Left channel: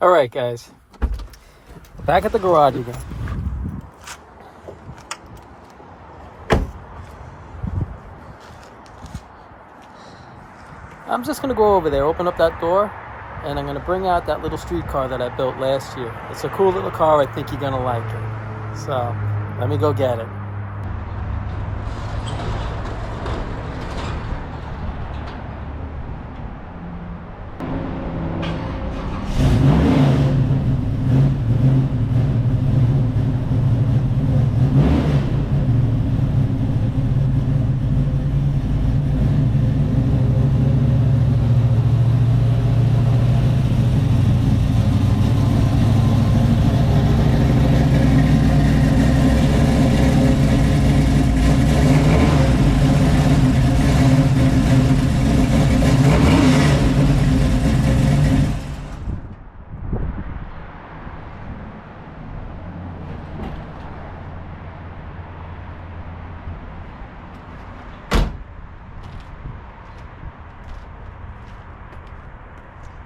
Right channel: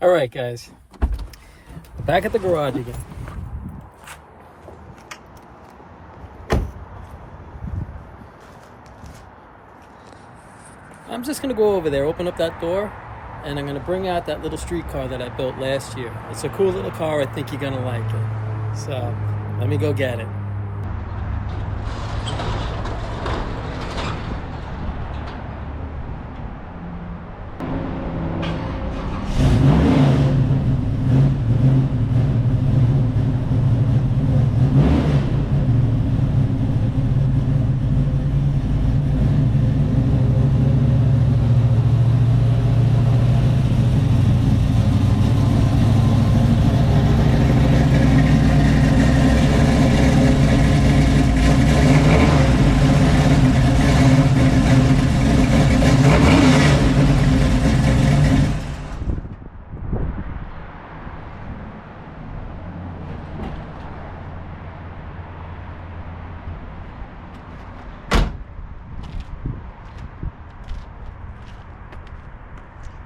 All right, guys. We're back at the garage again. I'm just going to go over there, open up that door, and I'm going to bring out that little streetcar that I built last year. It's a cool little car. I think you're going to like it. So let me go get it.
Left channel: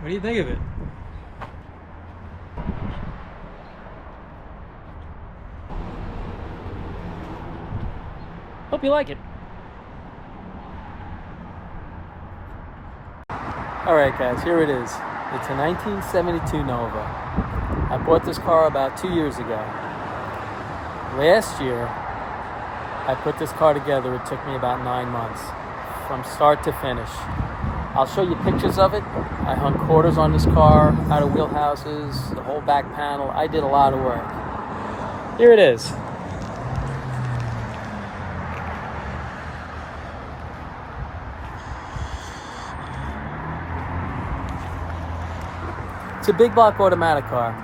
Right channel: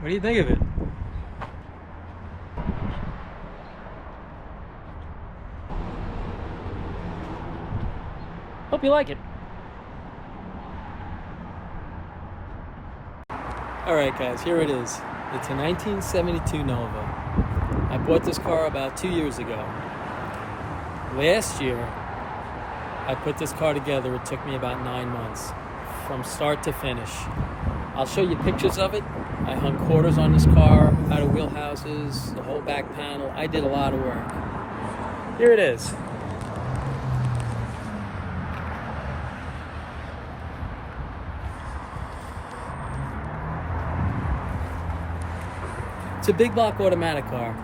What do you think of it? Hope you like it. All right, guys, here it is. It's a 1972 Nova. I bought this car about 2 years ago. Last year, I put this car together. It took me about 9 months from start to finish. I'll show you pictures of it. I hung quarters on this car, out of wheelhouses, the whole back panel. I did a lot of work. Here it is. It's a big block automatic car.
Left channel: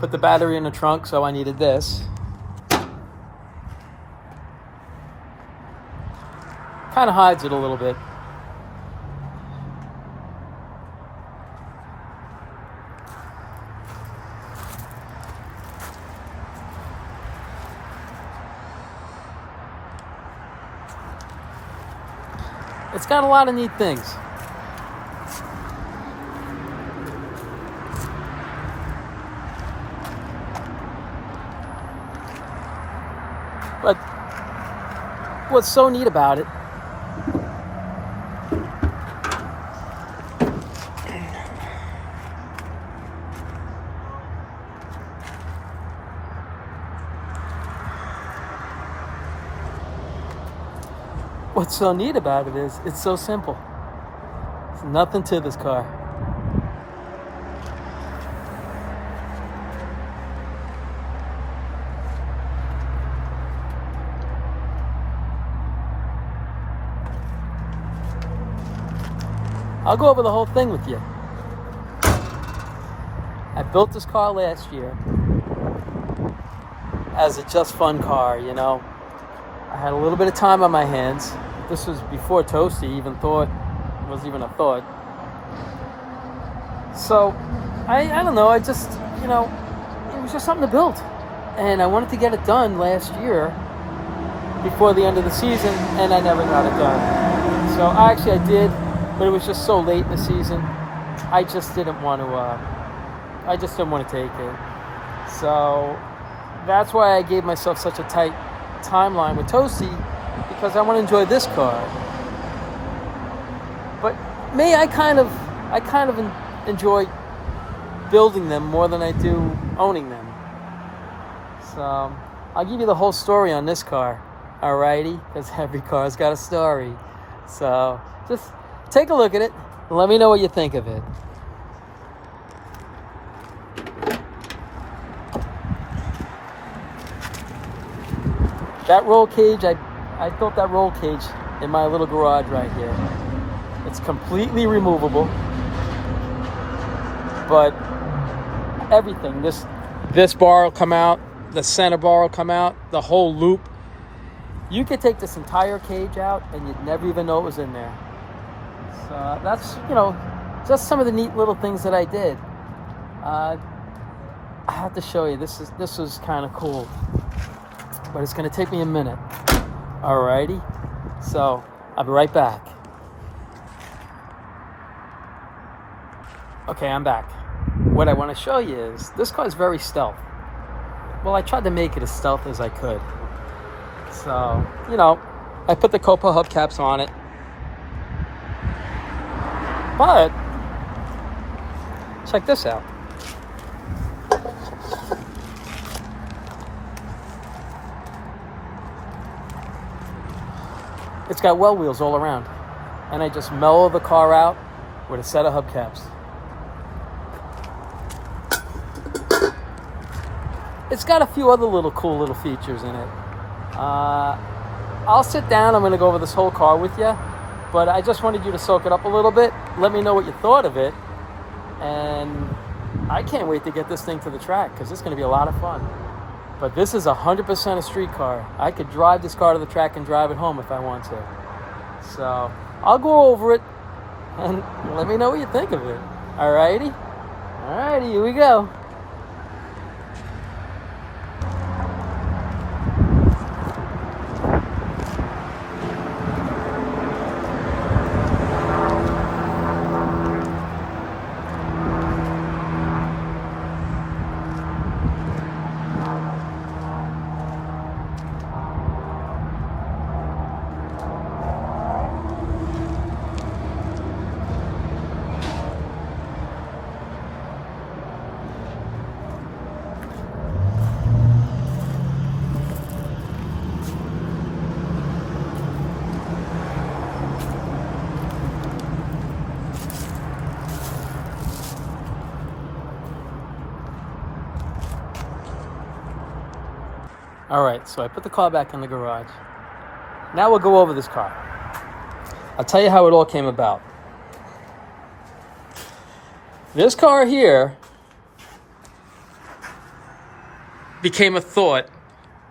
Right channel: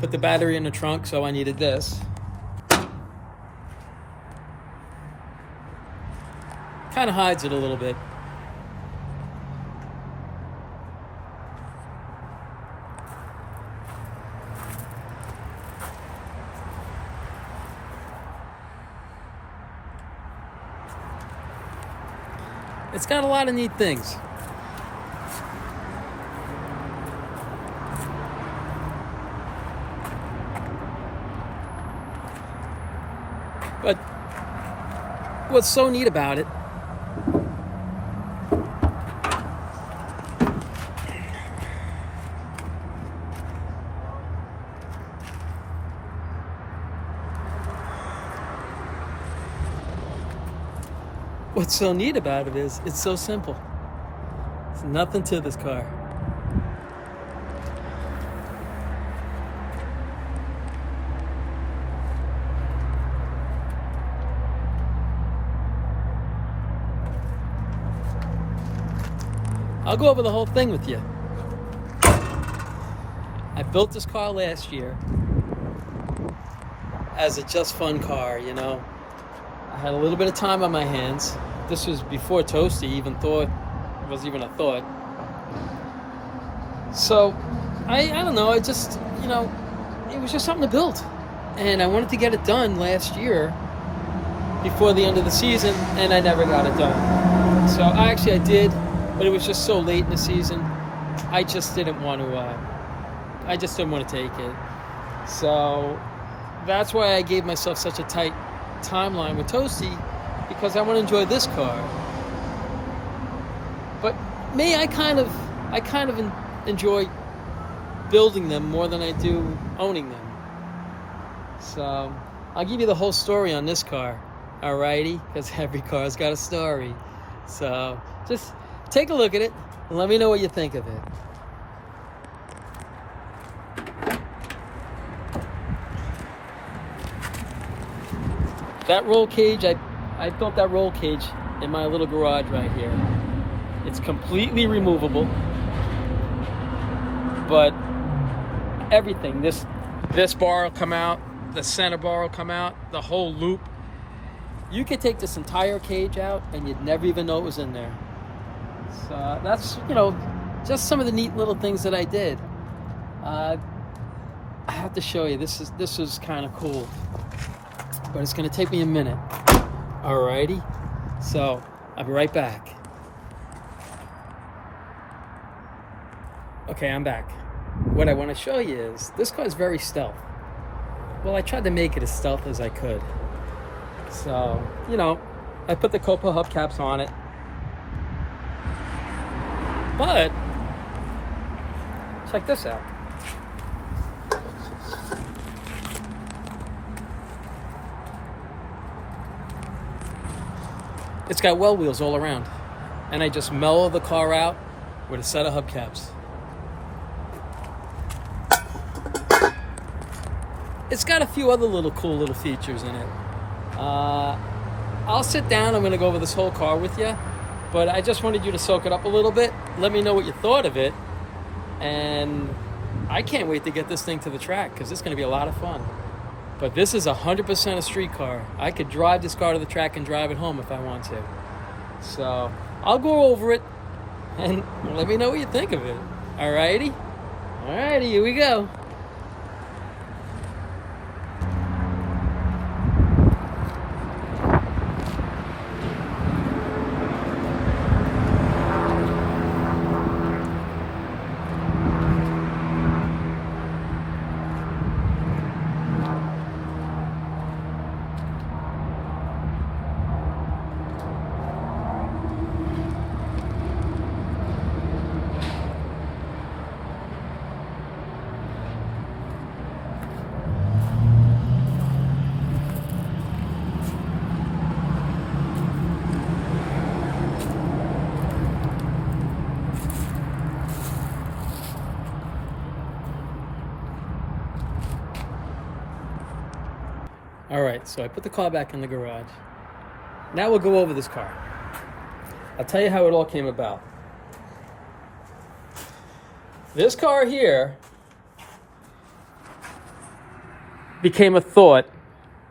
Put the battery in the trunk, so I needed this. Kind of hides it a little bit. It's got a lot of neat things. But what's so neat about it is it's so simple. There's nothing to this car. I'll go over the whole thing with you. I built this car last year as a just fun car, you know. I had a little bit of time on my hands. This was before Toasty even was even a thought. So, I don't know, I just, you know, it was just something to build. And I wanted to get it done last year before the end of the season, and I never got it done. So I did, but it was just so late in the season. I just didn't want to take it. So that's why I gave myself such a tight timeline with Toasty, because I want to enjoy this car. But me, I kind of enjoy building them more than I do owning them. So I'll give you the whole story on this car, alrighty? Because every car's got a story. So just take a look at it and let me know what you think of it. That roll cage, I built that roll cage in my little garage right here. It's completely removable, but everything, this bar will come out, the center bar will come out, the whole loop. You could take this entire cage out and you'd never even know it was in there. So that's, you know, just some of the neat little things that I did. I have to show you, this was kind of cool. But it's going to take me a minute. Alrighty. So, I'll be right back. Okay, I'm back. What I want to show you is this car is very stealth. Well, I tried to make it as stealth as I could. So, I put the Copa hubcaps on it. But, check this out. It's got well wheels all around. And I just mellow the car out with a set of hubcaps. It's got a few other cool little features in it. I'll sit down. I'm going to go over this whole car with you. But I just wanted you to soak it up a little bit. Let me know what you thought of it. And I can't wait to get this thing to the track because it's going to be a lot of fun. But this is 100% a street car. I could drive this car to the track and drive it home if I want to. So I'll go over it and let me know what you think of it. Alrighty? Alrighty, here we go. All right, so I put the car back in the garage. Now we'll go over this car. I'll tell you how it all came about. This car here became a thought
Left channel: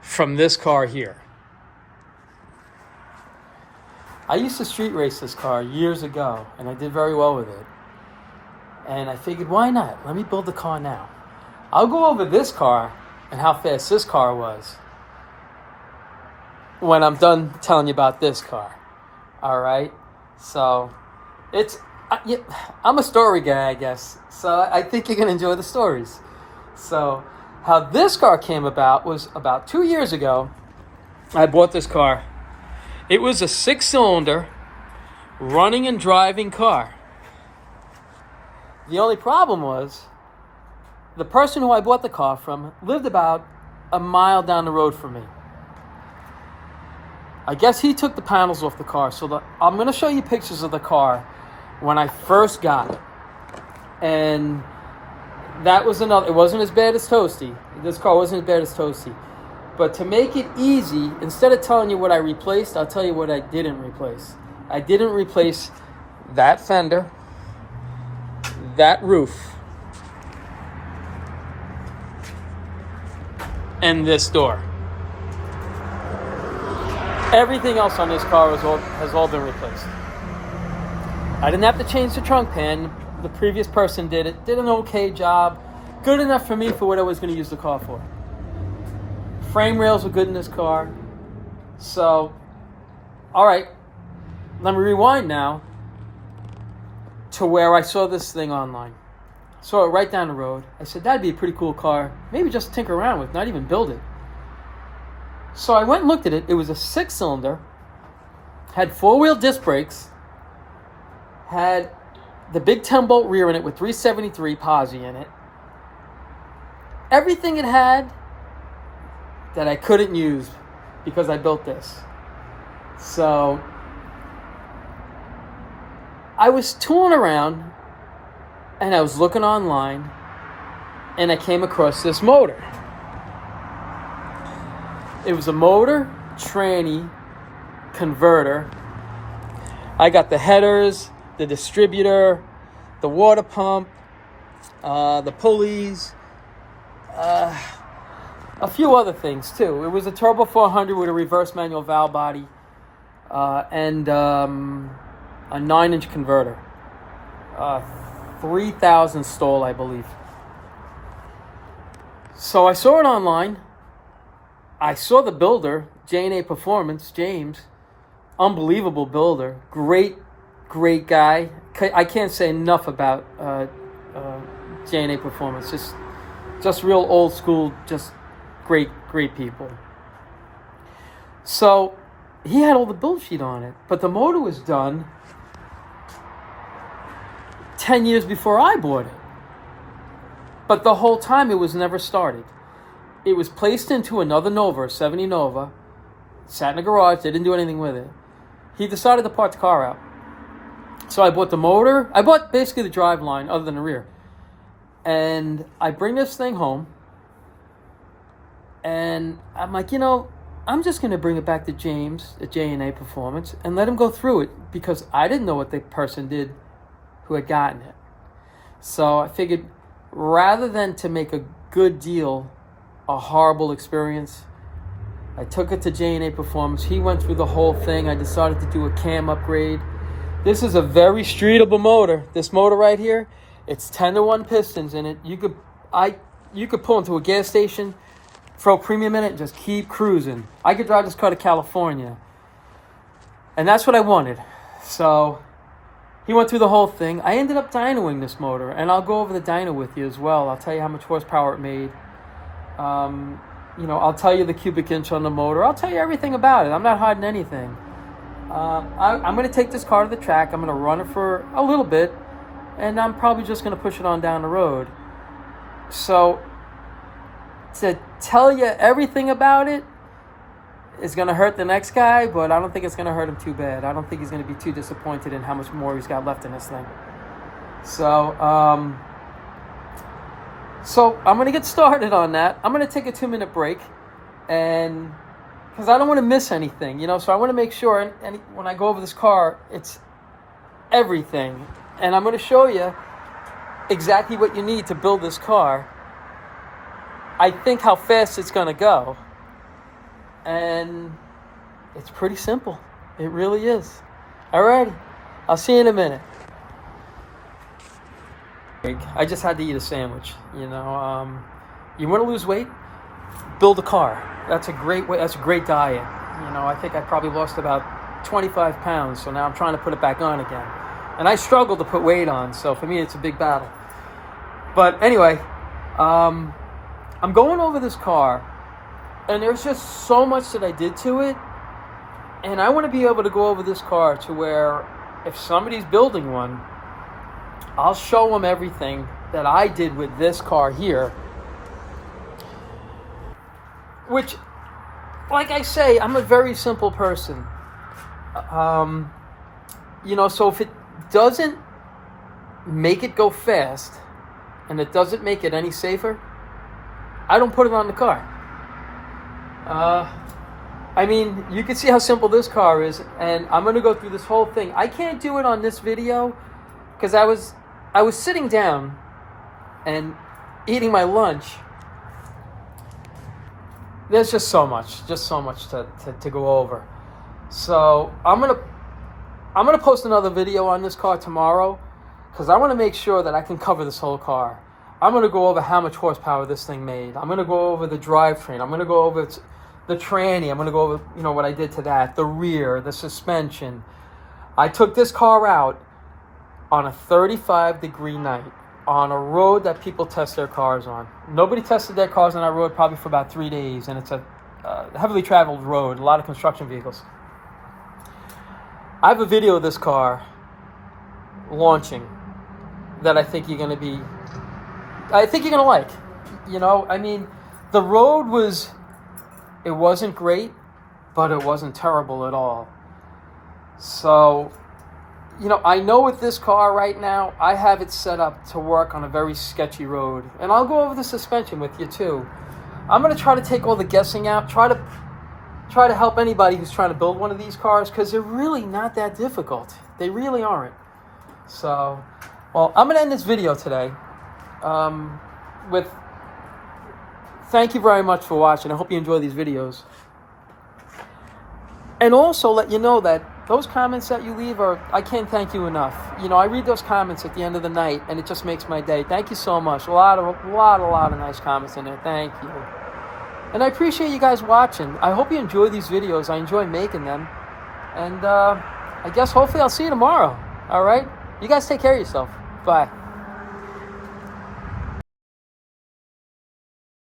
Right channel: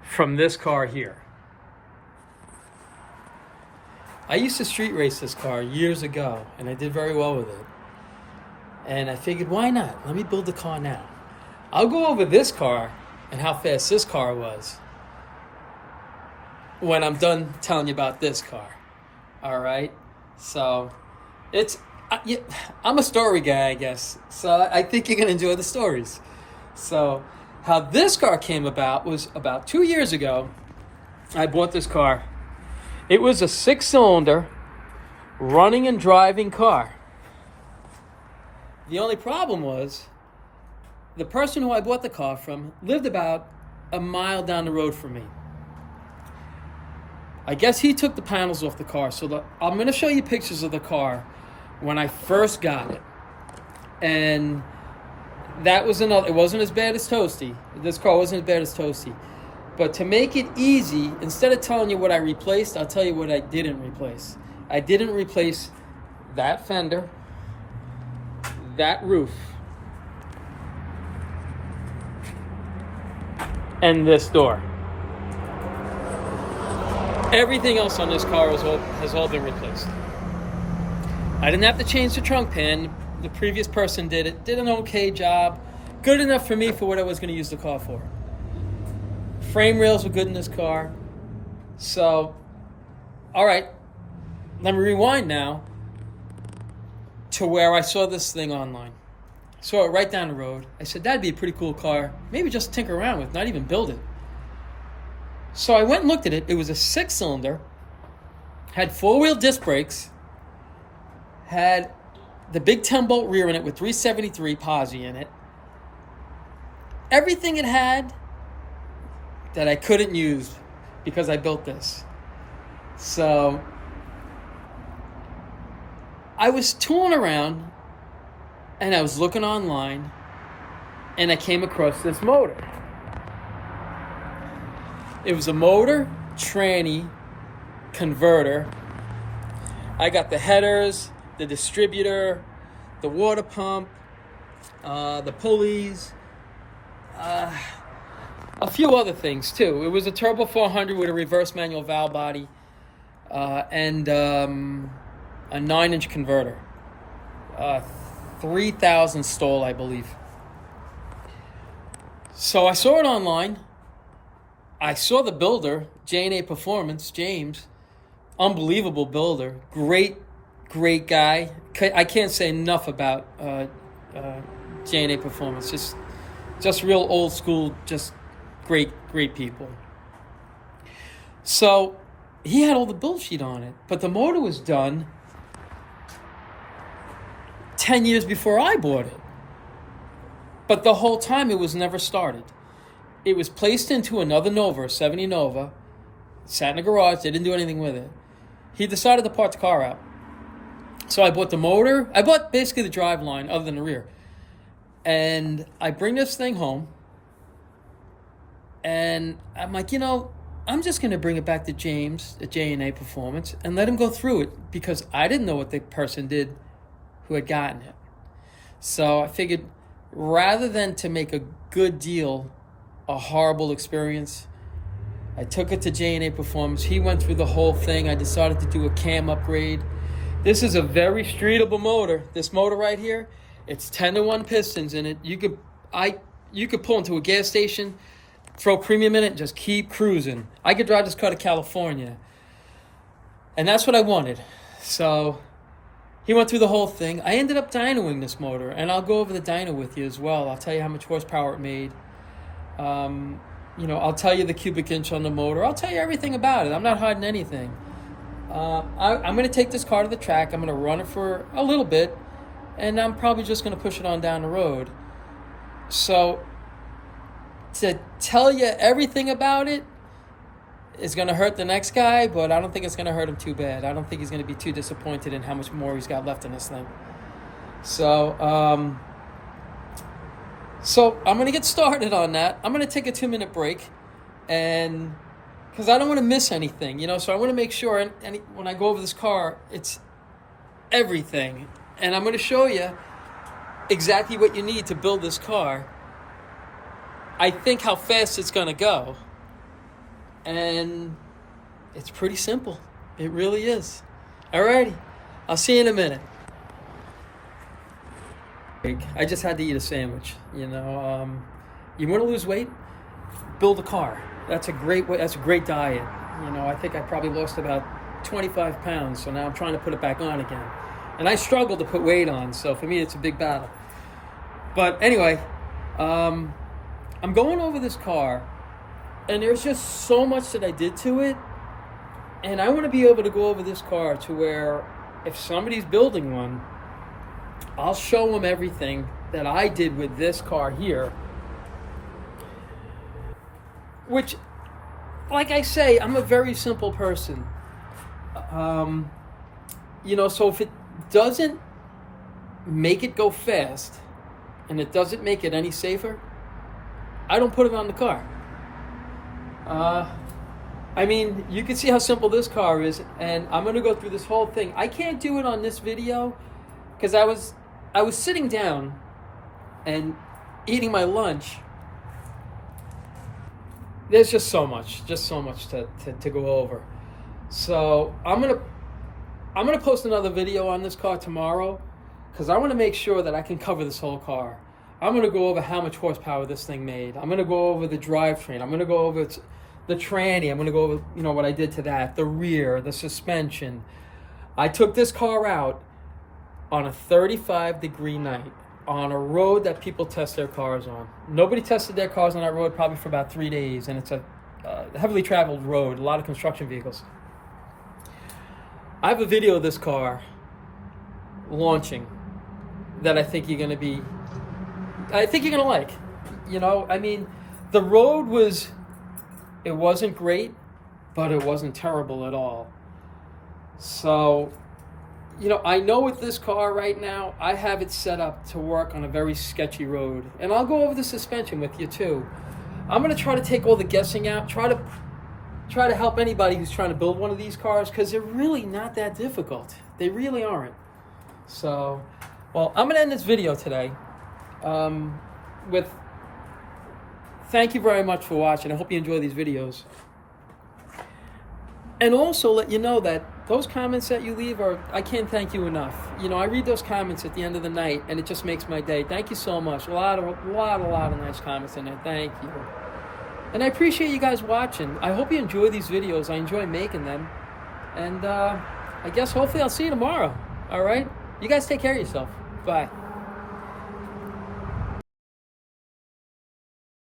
from this car here. I used to street race this car years ago, and I did very well with it. And I figured, why not? Let me build the car now. I'll go over this car and how fast this car was when I'm done telling you about this car. All right? So, I'm a story guy, I guess. So I think you're going to enjoy the stories. So, how this car came about was about 2 years ago. I bought this car. It was a 6-cylinder running and driving car. The only problem was the person who I bought the car from lived about a mile down the road from me. I guess he took the panels off the car. So I'm going to show you pictures of the car when I first got it. And that was it wasn't as bad as Toasty. This car wasn't as bad as Toasty. But to make it easy, instead of telling you what I replaced, I'll tell you what I didn't replace. I didn't replace that fender, that roof, and this door. Everything else on this car has all been replaced. I didn't have to change the trunk pan. The previous person did it. Did an okay job. Good enough for me for what I was going to use the car for. Frame rails were good in this car. So, all right. Let me rewind now to where I saw this thing online. Saw it right down the road. I said, that'd be a pretty cool car. Maybe just tinker around with, not even build it. So I went and looked at it. It was a 6-cylinder, had 4-wheel disc brakes, had the big 10-bolt rear in it with 373 posi in it. Everything it had that I couldn't use because I built this. So I was tooling around and I was looking online and I came across this motor. It was a motor, tranny, converter. I got the headers, the distributor, the water pump, the pulleys, a few other things too. It was a Turbo 400 with a reverse manual valve body and a 9-inch converter. 3,000 stall, I believe. So I saw it online. I saw the builder, J&A Performance, James. Unbelievable builder. Great guy. I can't say enough about J&A Performance. Just real old school, just great people. So he had all the build sheet on it, but the motor was done 10 years before I bought it. But the whole time it was never started. It was placed into another Nova, a 70 Nova, sat in a garage, they didn't do anything with it. He decided to part the car out. So I bought the motor. I bought basically the drive line other than the rear. And I bring this thing home. And I'm like, I'm just going to bring it back to James at J&A Performance and let him go through it, because I didn't know what the person did who had gotten it. So I figured, rather than to make a good deal a horrible experience, I took it to J&A Performance. He went through the whole thing. I decided to do a cam upgrade. This is a very streetable motor. This motor right here, it's 10-to-1 pistons in it. You could pull into a gas station, throw premium in it, and just keep cruising. I could drive this car to California. And that's what I wanted. So he went through the whole thing. I ended up dynoing this motor, and I'll go over the dyno with you as well. I'll tell you how much horsepower it made. I'll tell you the cubic inch on the motor. I'll tell you everything about it. I'm not hiding anything. I'm going to take this car to the track. I'm going to run it for a little bit, and I'm probably just going to push it on down the road. So to tell you everything about it is going to hurt the next guy, but I don't think it's going to hurt him too bad. I don't think he's going to be too disappointed in how much more he's got left in this thing. So I'm going to get started on that. I'm going to take a 2-minute break, and because I don't want to miss anything, so I want to make sure, and when I go over this car, it's everything. And I'm going to show you exactly what you need to build this car. I think how fast it's going to go. And it's pretty simple. It really is. Alrighty. I'll see you in a minute. I just had to eat a sandwich. You want to lose weight? Build a car. That's a great way. That's a great diet. I think I probably lost about 25 pounds, so now I'm trying to put it back on again. And I struggle to put weight on, so for me it's a big battle. But anyway, I'm going over this car, and there's just so much that I did to it, and I want to be able to go over this car to where if somebody's building one, I'll show them everything that I did with this car here. Which, like I say, I'm a very simple person. So if it doesn't make it go fast, and it doesn't make it any safer, I don't put it on the car. You can see how simple this car is, and I'm going to go through this whole thing. I can't do it on this video because I was sitting down and eating my lunch. There's just so much to go over. So I'm gonna post another video on this car tomorrow, because I want to make sure that I can cover this whole car. I'm gonna go over how much horsepower this thing made. I'm gonna go over the drivetrain. I'm gonna go over the tranny. I'm gonna go over what I did to that, the rear, the suspension. I took this car out on a 35-degree night on a road that people test their cars on. Nobody tested their cars on that road probably for about 3 days, and it's a heavily traveled road, a lot of construction vehicles. I have a video of this car launching that I think you're going to like. The road wasn't great, but it wasn't terrible at all. So, I know with this car right now, I have it set up to work on a very sketchy road. And I'll go over the suspension with you too. I'm going to try to take all the guessing out, try to help anybody who's trying to build one of these cars, because they're really not that difficult. They really aren't. So, I'm going to end this video today with thank you very much for watching. I hope you enjoy these videos. And also let you know that those comments that you leave I can't thank you enough. I read those comments at the end of the night, and it just makes my day. Thank you so much. A lot of nice comments in there. Thank you. And I appreciate you guys watching. I hope you enjoy these videos. I enjoy making them. And I guess hopefully I'll see you tomorrow. All right? You guys take care of yourself. Bye.